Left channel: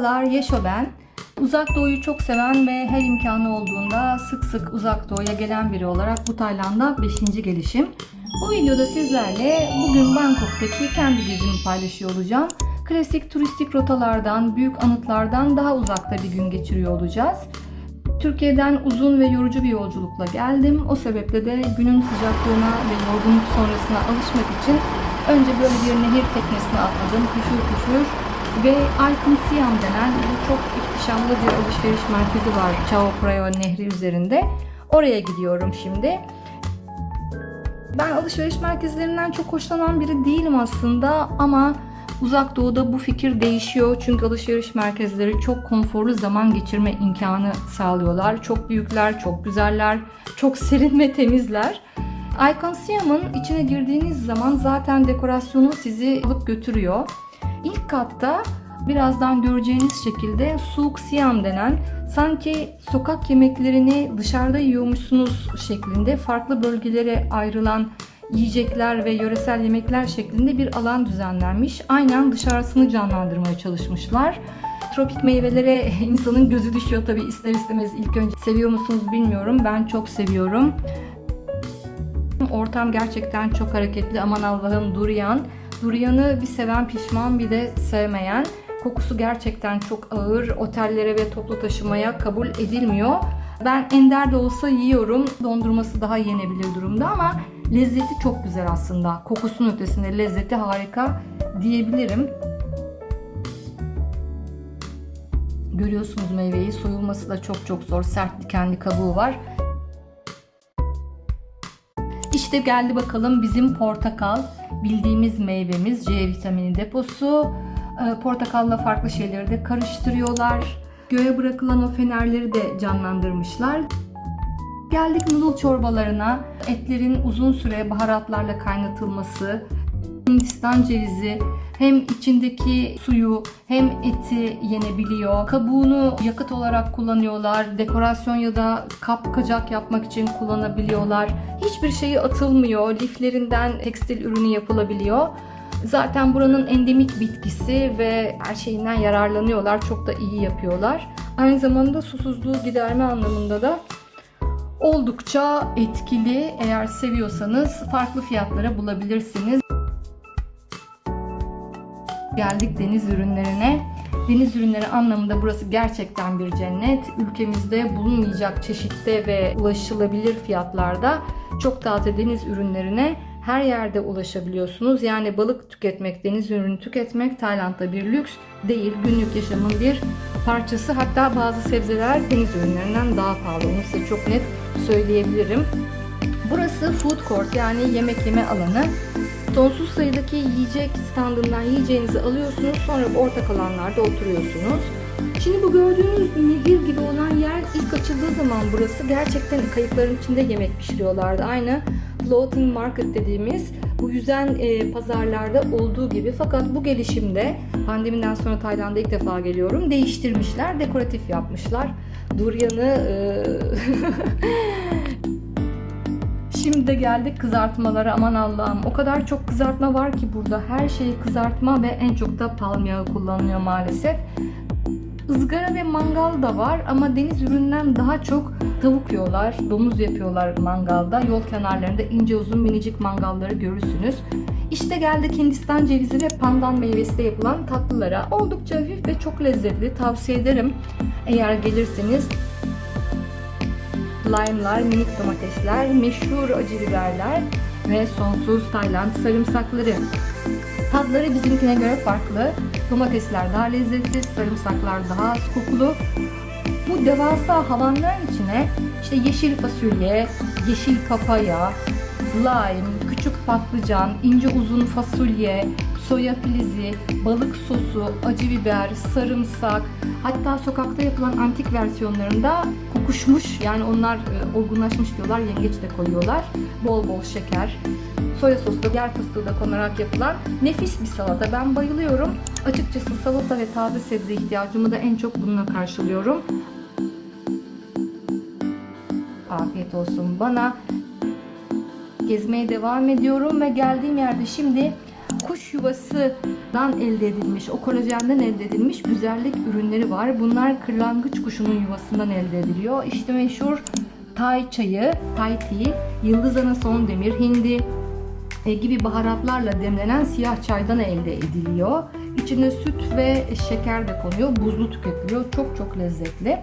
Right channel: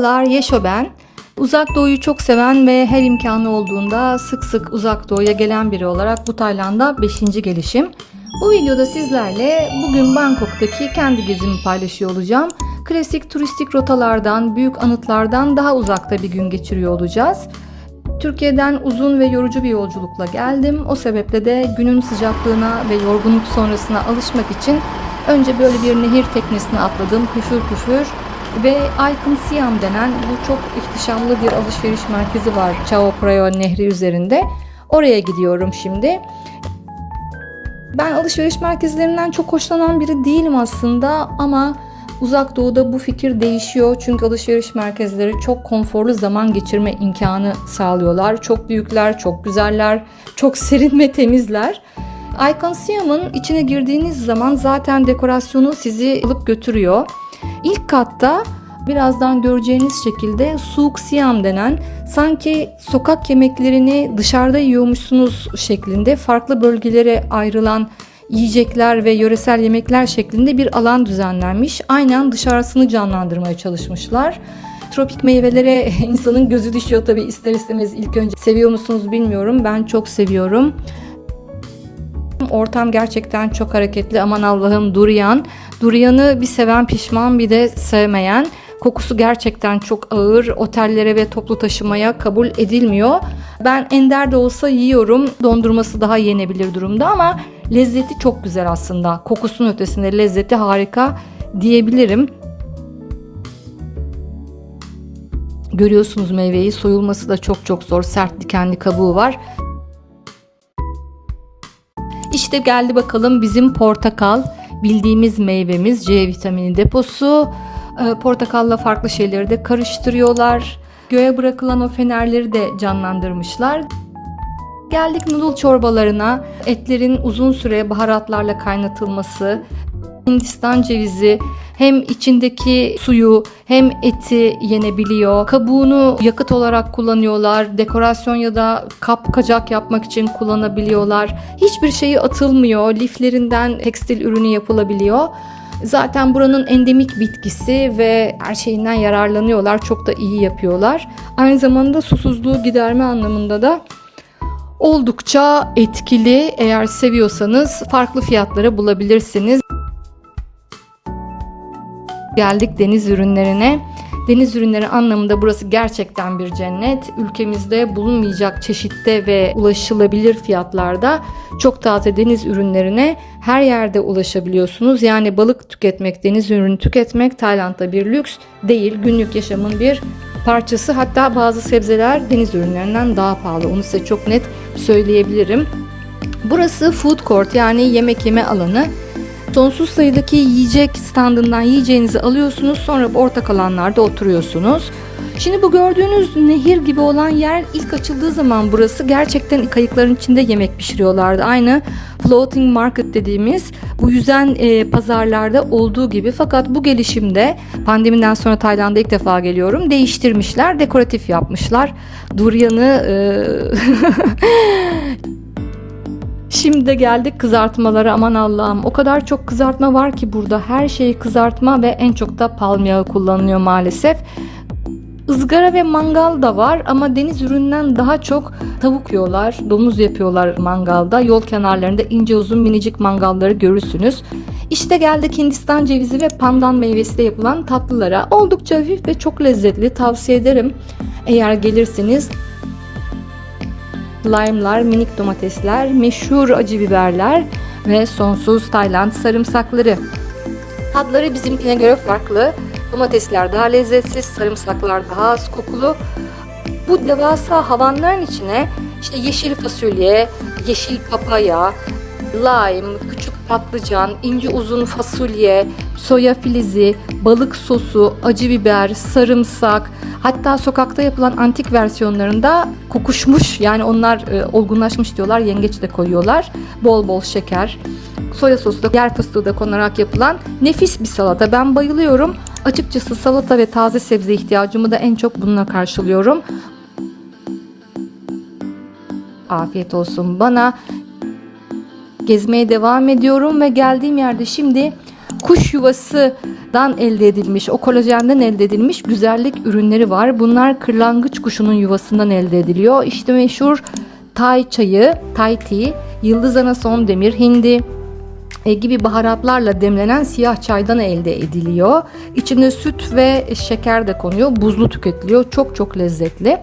Merhabalar, Yeşo ben. Uzak Doğu'yu çok seven ve her imkanı olduğunda sık sık Uzak Doğu'ya gelen biri olarak bu Tayland'a 5. gelişim. Bu videoda sizlerle bugün Bangkok'taki kendi gezimi paylaşıyor olacağım. Klasik turistik rotalardan, büyük anıtlardan daha uzakta bir gün geçiriyor olacağız. Türkiye'den uzun ve yorucu bir yolculukla geldim. O sebeple de günün sıcaklığına ve yorgunluk sonrasına alışmak için önce böyle bir nehir teknesine atladım, küfür küfür. Ve Icon Siam denen bu çok ihtişamlı bir alışveriş merkezi var Chao Phraya Nehri üzerinde. Oraya gidiyorum şimdi. Ben alışveriş merkezlerinden çok hoşlanan biri değilim aslında ama Uzak Doğu'da bu fikir değişiyor. Çünkü alışveriş merkezleri çok konforlu zaman geçirme imkanı sağlıyorlar. Çok büyükler, çok güzeller, çok serin ve temizler. Icon Siam'ın içine girdiğiniz zaman zaten dekorasyonu sizi alıp götürüyor. İlk katta birazdan göreceğiniz şekilde Souk Siam denen sanki sokak yemeklerini dışarıda yiyormuşsunuz şeklinde farklı bölgelere ayrılan yiyecekler ve yöresel yemekler şeklinde bir alan düzenlenmiş. Aynen dışarısını canlandırmaya çalışmışlar. Tropik meyvelere insanın gözü düşüyor tabii ister istemez ilk önce. Seviyor musunuz bilmiyorum. Ben çok seviyorum. Ortam gerçekten çok hareketli. Aman Allah'ım durian. Durianı bir seven pişman bir de sevmeyen. Kokusu gerçekten çok ağır. Otellere ve toplu taşımaya kabul edilmiyor. Ben ender de olsa yiyorum. Dondurması daha yenebilir durumda ama lezzeti çok güzel aslında. Kokusunun ötesinde lezzeti harika diyebilirim. Görüyorsunuz meyveyi. Soyulması da çok zor. Sert dikenli kabuğu var. İşte geldi bakalım bizim portakal. Bildiğimiz meyvemiz, C vitamini deposu. Portakalla farklı şeyleri de karıştırıyorlar. Göğe bırakılan o fenerleri de canlandırmışlar. Geldik noodle çorbalarına. Etlerin uzun süre baharatlarla kaynatılması, Hindistan cevizi hem içindeki suyu hem eti yenebiliyor. Kabuğunu yakıt olarak kullanıyorlar. Dekorasyon ya da kap kacak yapmak için kullanabiliyorlar. Hiçbir şeyi atılmıyor. Liflerinden tekstil ürünü yapılabiliyor. Zaten buranın endemik bitkisi ve her şeyinden yararlanıyorlar. Çok da iyi yapıyorlar. Aynı zamanda susuzluğu giderme anlamında da oldukça etkili. Eğer seviyorsanız farklı fiyatlara bulabilirsiniz. Geldik deniz ürünlerine. Deniz ürünleri anlamında burası gerçekten bir cennet. Ülkemizde bulunmayacak çeşitte ve ulaşılabilir fiyatlarda çok taze deniz ürünlerine her yerde ulaşabiliyorsunuz. Yani balık tüketmek, deniz ürünü tüketmek Tayland'da bir lüks değil. Günlük yaşamın bir parçası. Hatta bazı sebzeler deniz ürünlerinden daha pahalı. Onu size çok net söyleyebilirim. Burası food court yani yemek yeme alanı. Sonsuz sayıdaki yiyecek standından yiyeceğinizi alıyorsunuz. Sonra ortak alanlarda oturuyorsunuz. Şimdi bu gördüğünüz nehir gibi olan yer ilk açıldığı zaman burası gerçekten kayıkların içinde yemek pişiriyorlardı. Aynı floating market dediğimiz bu yüzen pazarlarda olduğu gibi. Fakat bu gelişimde pandemiden sonra Tayland'a ilk defa geliyorum. Değiştirmişler, dekoratif yapmışlar. Durian'ı Şimdi de geldik kızartmalara. Aman Allah'ım o kadar çok kızartma var ki burada. Her şeyi kızartma ve en çok da palm yağı kullanılıyor maalesef. Izgara ve mangal da var ama deniz ürününden daha çok tavuk yiyorlar. Domuz yapıyorlar mangalda. Yol kenarlarında ince uzun minicik mangalları görürsünüz. İşte geldik Hindistan cevizi ve pandan meyvesiyle yapılan tatlılara. Oldukça hafif ve çok lezzetli. Tavsiye ederim eğer gelirseniz. Lime'lar, minik domatesler, meşhur acı biberler ve sonsuz Tayland sarımsakları. Tatları bizimkine göre farklı. Domatesler daha lezzetsiz, sarımsaklar daha az kokulu. Bu devasa havanların içine işte yeşil fasulye, yeşil papaya, lime, küçük patlıcan, ince uzun fasulye, soya filizi, balık sosu, acı biber, sarımsak, hatta sokakta yapılan antik versiyonlarında kokuşmuş yani onlar olgunlaşmış diyorlar, yengeç de koyuyorlar. Bol bol şeker, soya sosu da yer fıstığı da konarak yapılan nefis bir salata. Ben bayılıyorum. Açıkçası salata ve taze sebze ihtiyacımı da en çok bununla karşılıyorum. Afiyet olsun bana. Gezmeye devam ediyorum ve geldiğim yerde şimdi kuş yuvasından elde edilmiş, o kolajenden elde edilmiş güzellik ürünleri var. Bunlar kırlangıç kuşunun yuvasından elde ediliyor. İşte meşhur Thai çayı, Thai tea, yıldız ana son demir, hindi gibi baharatlarla demlenen siyah çaydan elde ediliyor. İçine süt ve şeker de konuyor. Buzlu tüketiliyor. Çok çok lezzetli.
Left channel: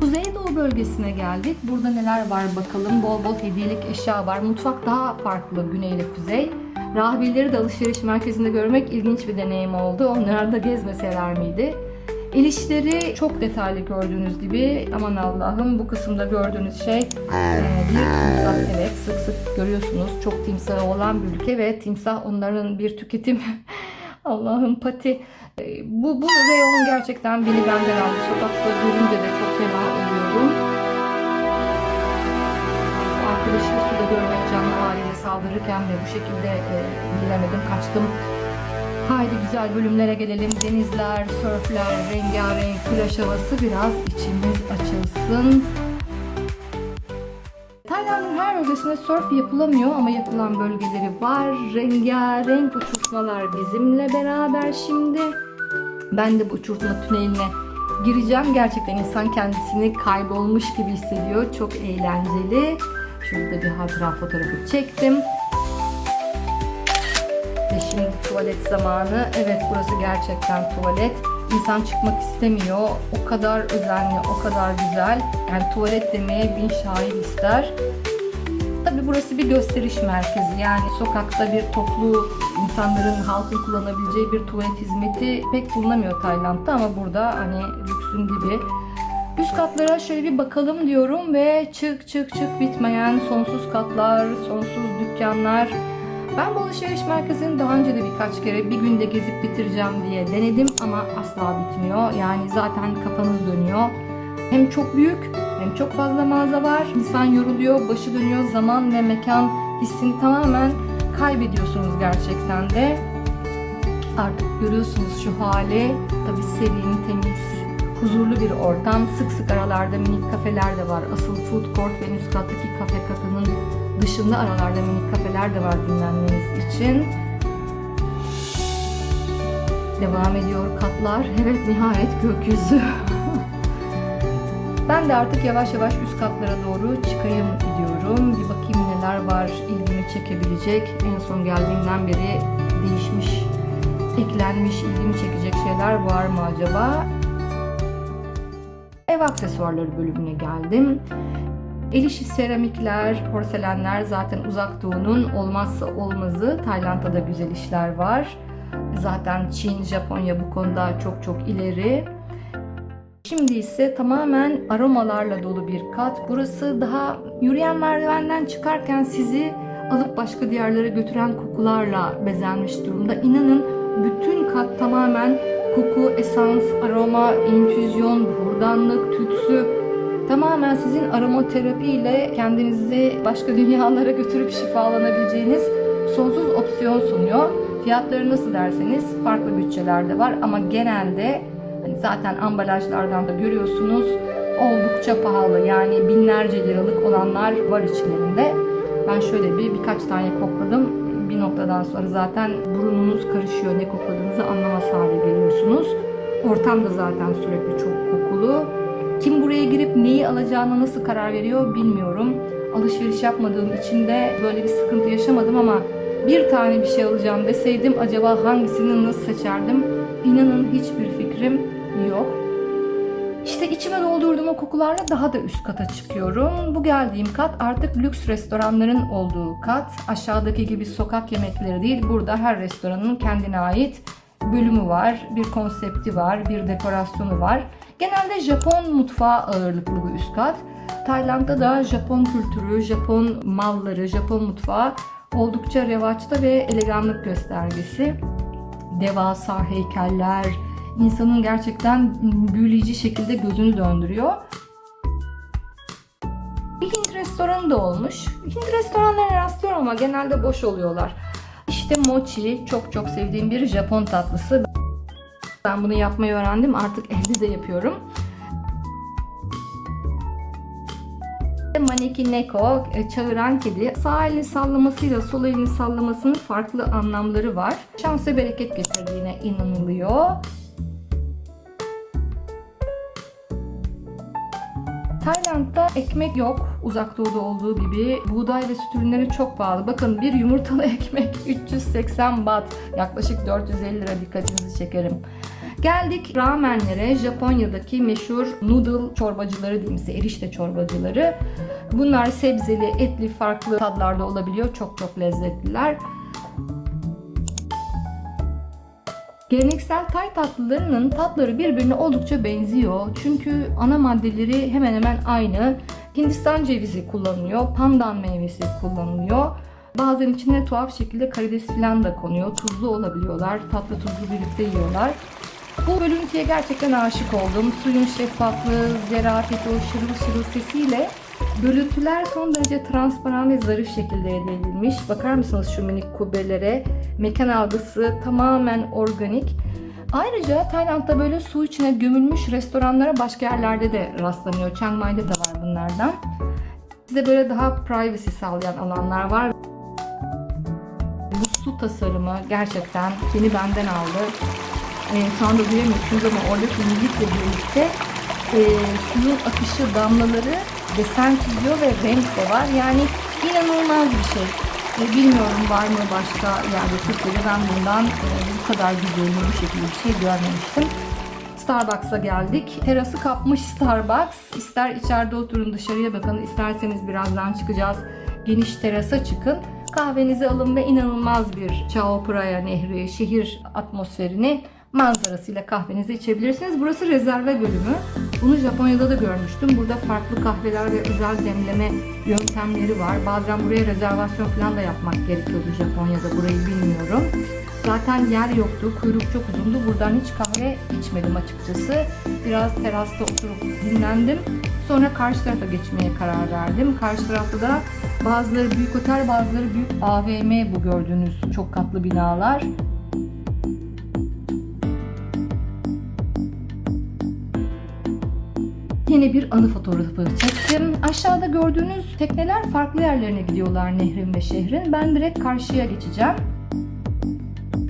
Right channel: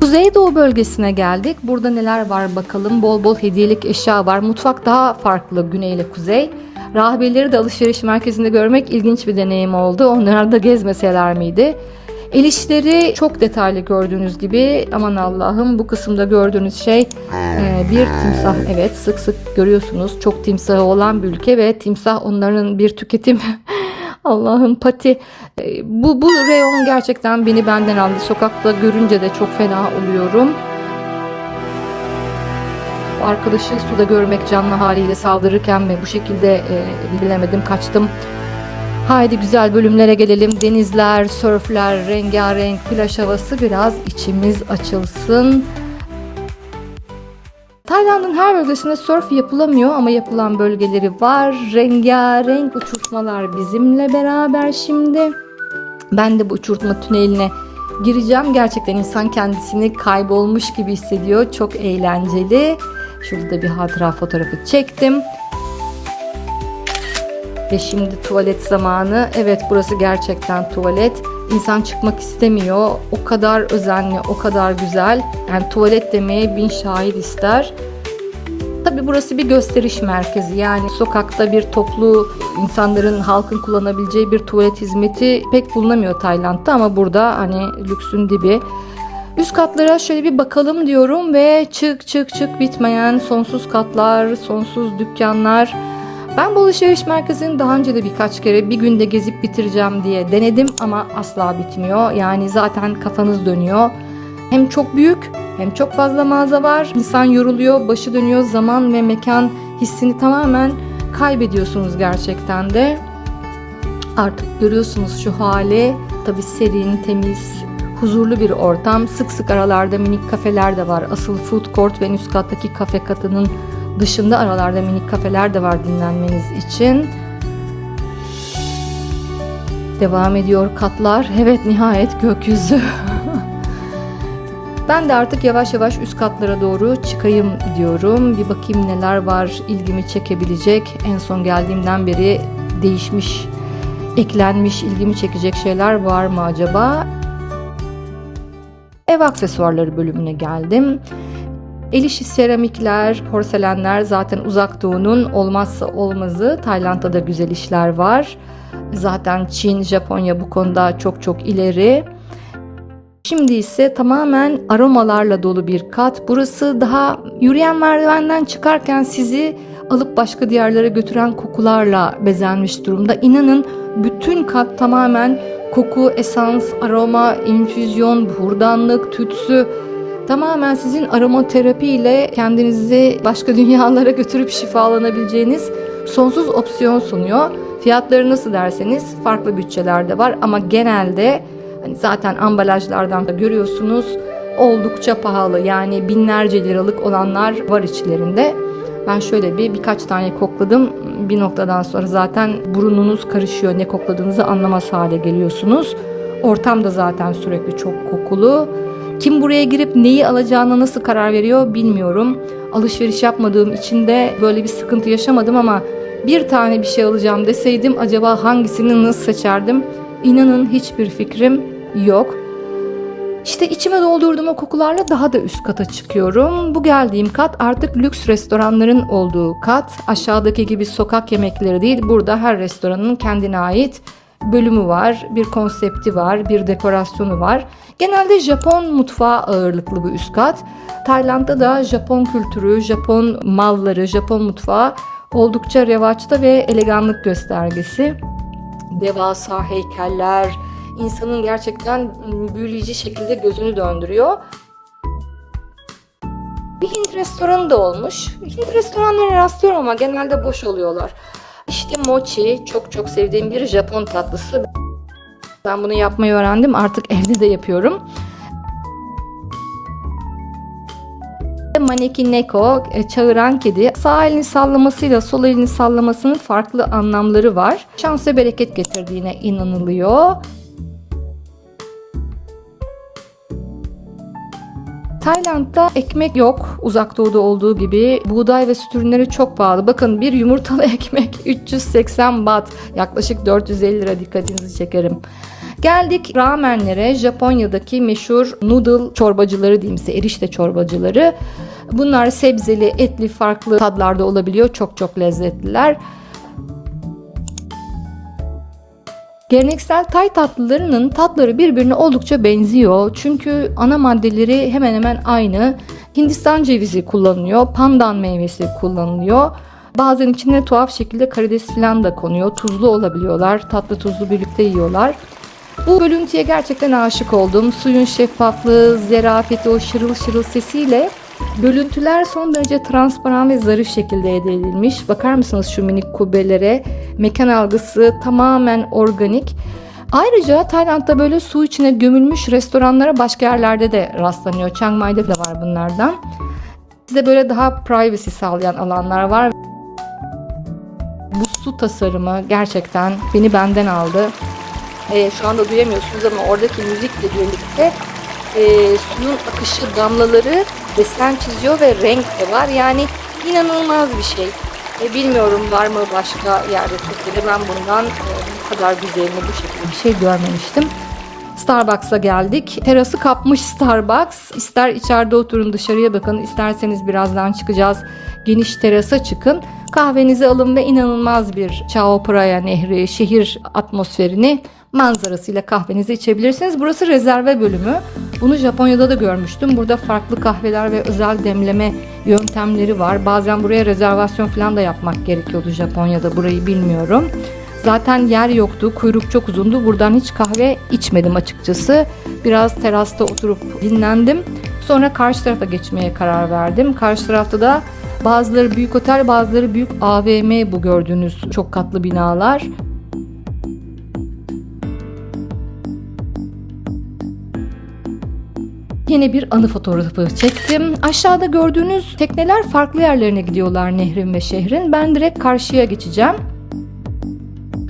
Kuzeydoğu bölgesine geldik. Burada neler var bakalım. Bol bol hediyelik eşya var. Mutfak daha farklı güney ile kuzey. Rahibeleri de alışveriş merkezinde görmek ilginç bir deneyim oldu. Onları da gezmeseler miydi? El işleri çok detaylı gördüğünüz gibi. Aman Allah'ım, bu kısımda gördüğünüz şey bir timsah. Evet, sık sık görüyorsunuz. Çok timsahı olan bir ülke ve timsah onların bir tüketim. Allah'ım, pati. Bu reyon gerçekten beni benden aldı. Sokakta görünce de çok fena oluyorum. Arkadaşı suda görmek canlı haliyle saldırırken mi bu şekilde bilemedim, kaçtım. Haydi güzel bölümlere gelelim. Denizler, sörfler, rengarenk plaj havası, biraz içimiz açılsın. Tayland'ın her bölgesinde sörf yapılamıyor ama yapılan bölgeleri var. Rengarenk uçurtmalar bizimle beraber şimdi. Ben de bu uçurtma tüneline gireceğim. Gerçekten insan kendisini kaybolmuş gibi hissediyor. Çok eğlenceli. Şurada bir hatıra fotoğrafı çektim. Ve şimdi tuvalet zamanı. Evet, burası gerçekten tuvalet. İnsan çıkmak istemiyor. O kadar özenli, o kadar güzel. Yani tuvalet demeye bin şahit ister. Tabii burası bir gösteriş merkezi. Yani sokakta bir toplu insanların, halkın kullanabileceği bir tuvalet hizmeti pek bulunamıyor Tayland'da ama burada hani lüksün dibi. Üst katlara şöyle bir bakalım diyorum ve çık bitmeyen sonsuz katlar, sonsuz dükkanlar. Ben bu alışveriş merkezini daha önce de birkaç kere bir günde gezip bitireceğim diye denedim ama asla bitmiyor. Yani zaten kafanız dönüyor. Hem çok büyük hem çok fazla mağaza var. İnsan yoruluyor, başı dönüyor, zaman ve mekan hissini tamamen kaybediyorsunuz gerçekten de. Artık görüyorsunuz şu hali. Tabii serin, temiz, huzurlu bir ortam. Sık sık aralarda minik kafeler de var. Asıl food court ve üst kattaki kafe katının dışında aralarda minik kafeler de var dinlenmeniz için. Devam ediyor katlar. Evet, nihayet gökyüzü. Ben de artık yavaş yavaş üst katlara doğru çıkayım diyorum. Bir bakayım neler var ilgimi çekebilecek. En son geldiğimden beri değişmiş, eklenmiş, ilgimi çekecek şeyler var mı acaba? Ev aksesuarları bölümüne geldim. El işi seramikler, porselenler zaten Uzak Doğu'nun olmazsa olmazı. Tayland'da da güzel işler var. Zaten Çin, Japonya bu konuda çok çok ileri. Şimdi ise tamamen aromalarla dolu bir kat. Burası daha yürüyen merdivenden çıkarken sizi alıp başka diyarlara götüren kokularla bezenmiş durumda. İnanın bütün kat tamamen koku, esans, aroma, infüzyon, hurdanlık, tütsü. Tamamen sizin aromaterapi ile kendinizi başka dünyalara götürüp şifalanabileceğiniz sonsuz opsiyon sunuyor. Fiyatları nasıl derseniz farklı bütçelerde var ama genelde hani zaten ambalajlardan da görüyorsunuz oldukça pahalı. Yani binlerce liralık olanlar var içlerinde. Ben şöyle birkaç tane kokladım. Bir noktadan sonra zaten burnunuz karışıyor. Ne kokladığınızı anlamaz hale geliyorsunuz. Ortam da zaten sürekli çok kokulu. Kim buraya girip neyi alacağına nasıl karar veriyor bilmiyorum. Alışveriş yapmadığım için de böyle bir sıkıntı yaşamadım ama bir tane bir şey alacağım deseydim acaba hangisini nasıl seçerdim? İnanın hiçbir fikrim yok. İşte içime doldurduğum o kokularla daha da üst kata çıkıyorum. Bu geldiğim kat artık lüks restoranların olduğu kat. Aşağıdaki gibi sokak yemekleri değil. Burada her restoranın kendine ait bölümü var, bir konsepti var, bir dekorasyonu var. Genelde Japon mutfağı ağırlıklı bu üst kat. Tayland'da da Japon kültürü, Japon malları, Japon mutfağı oldukça revaçta ve eleganlık göstergesi. Devasa heykeller, insanın gerçekten büyüleyici şekilde gözünü döndürüyor. Bir Hint restoranı da olmuş. Hint restoranlarına rastlıyorum ama genelde boş oluyorlar. İşte mochi, çok çok sevdiğim bir Japon tatlısı. Ben bunu yapmayı öğrendim. Artık evde de yapıyorum. Maneki Neko, çağıran kedi. Sağ elini sallamasıyla sol elini sallamasının farklı anlamları var. Şans ve bereket getirdiğine inanılıyor. Tayland'da ekmek yok, uzak doğuda olduğu gibi. Buğday ve süt ürünleri çok pahalı. Bakın bir yumurtalı ekmek 380 baht, yaklaşık 450 lira, dikkatinizi çekerim. Geldik ramenlere. Japonya'daki meşhur noodle çorbacıları diyeyim size, erişte çorbacıları. Bunlar sebzeli, etli, farklı tadlarda olabiliyor. Çok çok lezzetliler. Geleneksel Tay tatlılarının tatları birbirine oldukça benziyor. Çünkü ana maddeleri hemen hemen aynı. Hindistan cevizi kullanılıyor, pandan meyvesi kullanılıyor. Bazen içine tuhaf şekilde karides falan da konuyor. Tuzlu olabiliyorlar, tatlı tuzlu birlikte yiyorlar. Bu bölüntüye gerçekten aşık oldum. Suyun şeffaflığı, zerafeti, o şırıl şırıl sesiyle bölüntüler son derece transparan ve zarif şekilde elde edilmiş. Bakar mısınız şu minik kubbelere? Mekan algısı tamamen organik. Ayrıca Tayland'da böyle su içine gömülmüş restoranlara başka yerlerde de rastlanıyor. Chiang Mai'de de var bunlardan. Size böyle daha privacy sağlayan alanlar var. Bu su tasarımı gerçekten beni benden aldı. Şu anda duyamıyorsunuz ama oradaki müzikle birlikte suyun akışı, damlaları desen çiziyor ve renk de var. Yani inanılmaz bir şey. Bilmiyorum var mı başka yerde Türkiye'de, ben bundan bu kadar güzelini, bu şekilde bir şey görmemiştim. Starbucks'a geldik. Terası kapmış Starbucks. İster içeride oturun, dışarıya bakın. İsterseniz birazdan çıkacağız. Geniş terasa çıkın. Kahvenizi alın ve inanılmaz bir Chao Phraya Nehri, şehir atmosferini, manzarasıyla kahvenizi içebilirsiniz. Burası rezerve bölümü. Bunu Japonya'da da görmüştüm. Burada farklı kahveler ve özel demleme yöntemleri var. Bazen buraya rezervasyon falan da yapmak gerekiyordu Japonya'da. Burayı bilmiyorum. Zaten yer yoktu. Kuyruk çok uzundu. Buradan hiç kahve içmedim açıkçası. Biraz terasta oturup dinlendim. Sonra karşı tarafa geçmeye karar verdim. Karşı tarafta da bazıları büyük otel, bazıları büyük AVM, bu gördüğünüz çok katlı binalar. Yine bir anı fotoğrafı çektim. Aşağıda gördüğünüz tekneler farklı yerlerine gidiyorlar nehrin ve şehrin. Ben direkt karşıya geçeceğim.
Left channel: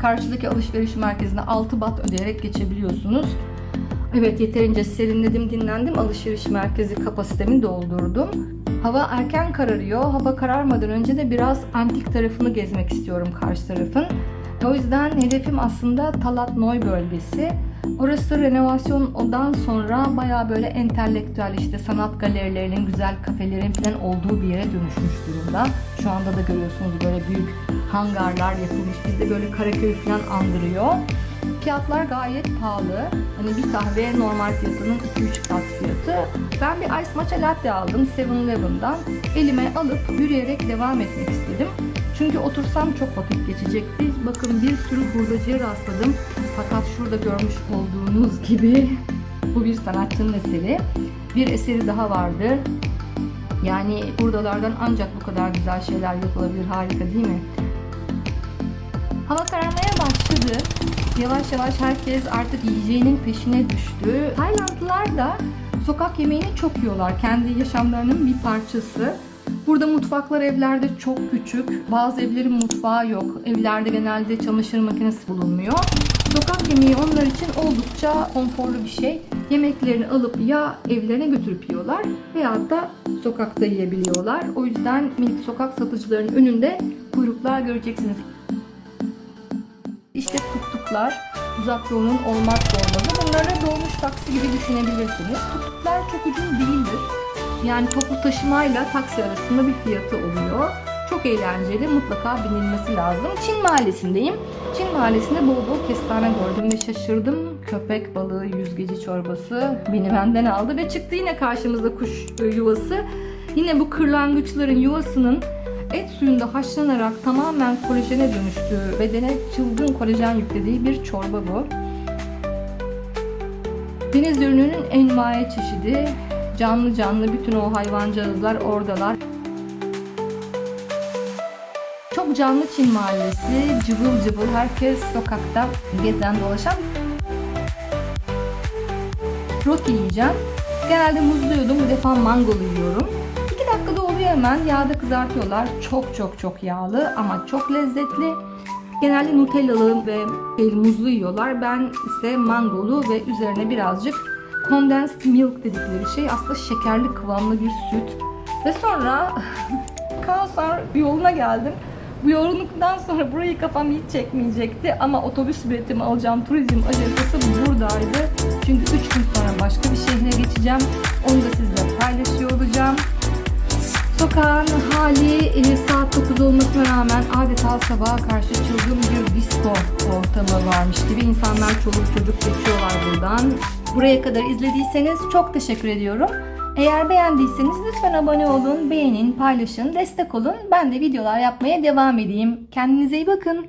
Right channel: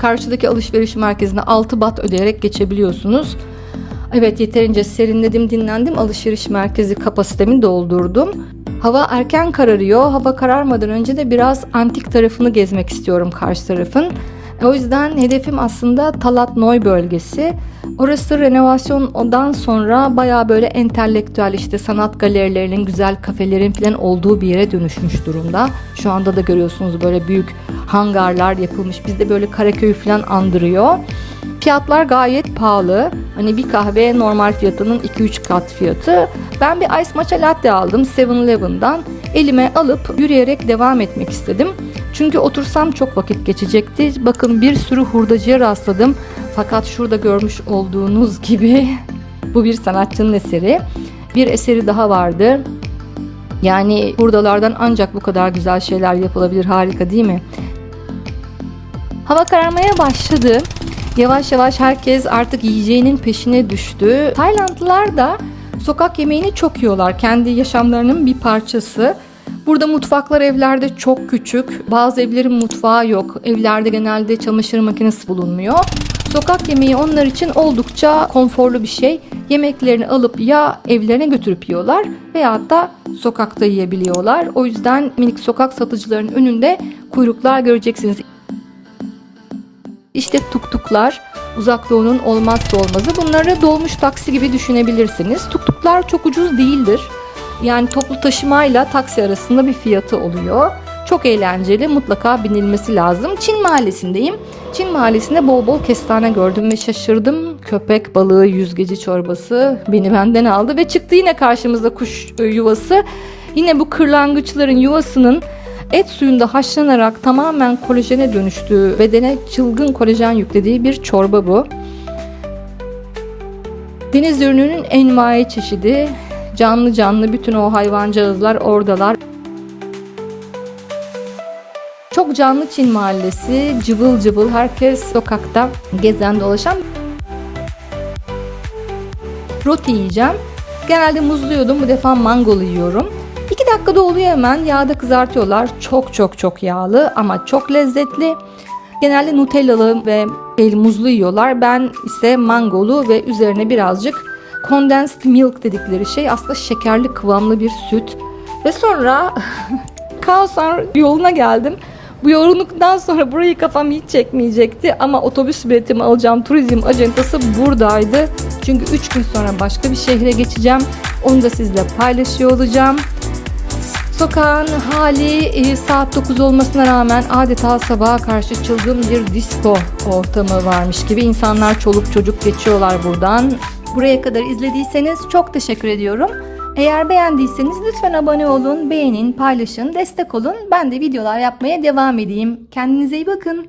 Karşıdaki alışveriş merkezine 6 baht ödeyerek geçebiliyorsunuz. Evet, yeterince serinledim, dinlendim. Alışveriş merkezi kapasitemi doldurdum. Hava erken kararıyor. Hava kararmadan önce de biraz antik tarafını gezmek istiyorum, karşı tarafın. O yüzden hedefim aslında Talat Noy bölgesi. Orası renovasyondan sonra bayağı böyle entelektüel, işte sanat galerilerinin, güzel kafelerin falan olduğu bir yere dönüşmüş durumda. Şu anda da görüyorsunuz böyle büyük hangarlar yapılmış. Bizde böyle Karaköy falan andırıyor. Fiyatlar gayet pahalı. Hani bir kahve normal fiyatının 2-3 kat fiyatı. Ben bir ice matcha latte aldım 7-Eleven'dan. Elime alıp yürüyerek devam etmek istedim. Çünkü otursam çok vakit geçecekti. Bakın bir sürü hurdacıya rastladım. Fakat şurada görmüş olduğunuz gibi bu bir sanatçının eseri. Bir eseri daha vardı. Yani hurdalardan ancak bu kadar güzel şeyler yapılabilir. Harika değil mi? Hava kararmaya başladı. Yavaş yavaş herkes artık yiyeceğinin peşine düştü. Taylandlılar da sokak yemeğini çok yiyorlar. Kendi yaşamlarının bir parçası. Burada mutfaklar evlerde çok küçük. Bazı evlerin mutfağı yok. Evlerde genelde çamaşır makinesi bulunmuyor. Sokak yemeği onlar için oldukça konforlu bir şey. Yemeklerini alıp ya evlerine götürüp yiyorlar veyahut da sokakta yiyebiliyorlar. O yüzden minik sokak satıcılarının önünde kuyruklar göreceksiniz. İşte tuktuklar, Uzak Doğu'nun olmazsa olmazı. Bunları dolmuş taksi gibi düşünebilirsiniz. Tuktuklar çok ucuz değildir. Yani toplu taşımayla taksi arasında bir fiyatı oluyor. Çok eğlenceli, mutlaka binilmesi lazım. Çin Mahallesi'ndeyim. Çin Mahallesi'nde bol bol kestane gördüm ve şaşırdım. Köpek balığı yüzgeci çorbası beni benden aldı ve çıktı yine karşımızda kuş yuvası. Yine bu kırlangıçların yuvasının et suyunda haşlanarak tamamen kolajene dönüştüğü, bedene çılgın kolajen yüklediği bir çorba bu. Deniz ürününün envai çeşidi, canlı canlı bütün o hayvancağızlar oradalar. Çok canlı Çin Mahallesi, cıvıl cıvıl, herkes sokakta gezen dolaşan. Roti yiyeceğim. Genelde muzlu yiyordum, bu defa mangolu yiyorum. 2 dakikada oluyor hemen. Yağda kızartıyorlar. Çok çok çok yağlı ama çok lezzetli. Genelde Nutellalı ve muzlu yiyorlar. Ben ise mangolu ve üzerine birazcık condensed milk dedikleri şey, aslında şekerli kıvamlı bir süt. Ve sonra Kaosar yoluna geldim. Bu yorgunluktan sonra burayı kafam hiç çekmeyecekti ama otobüs biletimi alacağım turizm acentası buradaydı. Çünkü 3 gün sonra başka bir şehre geçeceğim. Onu da sizle paylaşıyor olacağım. Sokağın hali saat 9 olmasına rağmen adeta sabaha karşı çılgın bir disco ortamı varmış gibi. İnsanlar çoluk çocuk geçiyorlar buradan. Buraya kadar izlediyseniz çok teşekkür ediyorum. Eğer beğendiyseniz lütfen abone olun, beğenin, paylaşın, destek olun. Ben de videolar yapmaya devam edeyim. Kendinize iyi bakın.